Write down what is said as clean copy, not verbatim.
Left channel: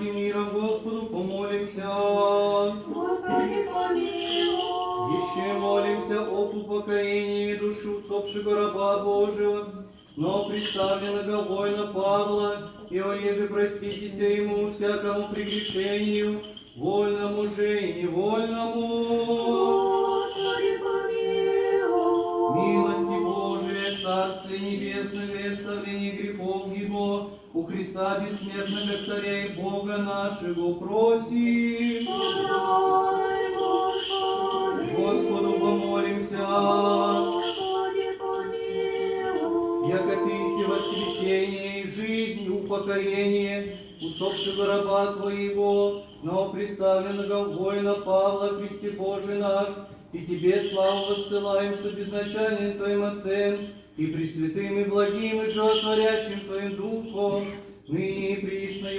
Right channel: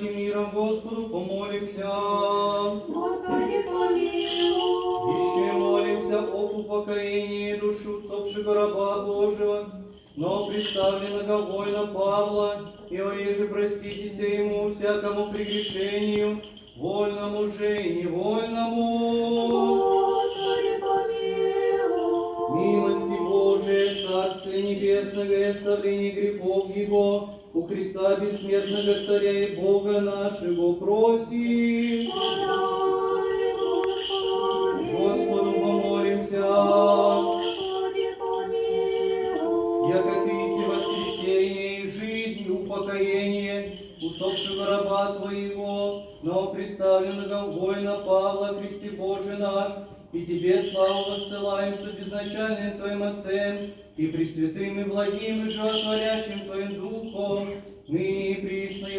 благодати мира Господу помолимся. Господи, помилуй. Еще молимся об упокоении души усопшего раба Божьего, но представленного воина Павла, и ореже проститеся ему всякому прегрешению, вольному же и невольному. Господи, помилуй. Милости Божия, Царствие Небесного и оставление грехов Его, у Христа бессмертного Царя и Бога нашего просим. Подай, Господи. Господу помолимся. Господи, помилуй. Яко Ты си воскресение и жизнь, и упокоение усопшего раба Твоего, но представленного воина Павла, Христе Божий наш, и Тебе славу воссылаем с безначальным Твоим Отцем, и пресвятым, и благим, и животворящим Твоим Духом, ныне и присно, и